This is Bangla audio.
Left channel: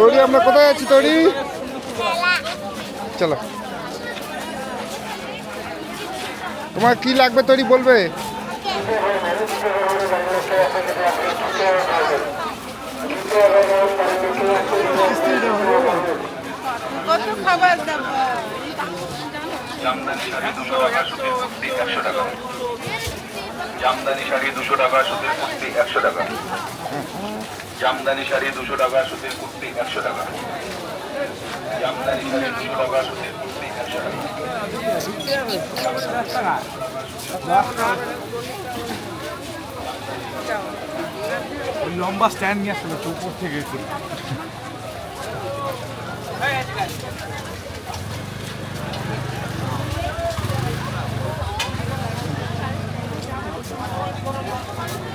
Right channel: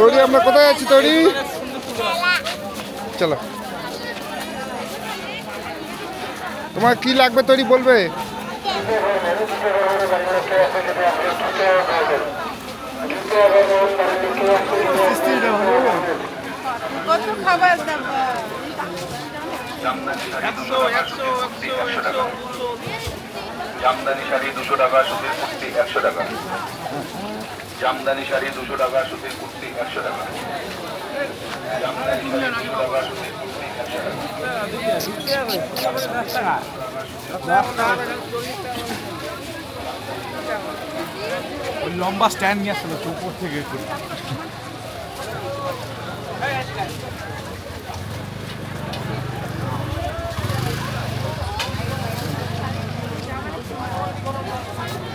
তৈরি আমরা কোথায় আছি তৈরি? চলো, তোমার কি লাগবে তৈরি বলবে? কত খাবার দাবার জামদানি শাড়ি 200 টাকা, সুতির কুর্তি 100 টাকা। জামদানি শাড়ি 200 টাকা, সুতির কুর্তি 100 টাকা। জামদানি শাড়ি 200 টাকা, সুতির কুর্তি 100 টাকা। লম্বা স্ট্যান্ড নিয়ে আসলে তো উপর থেকে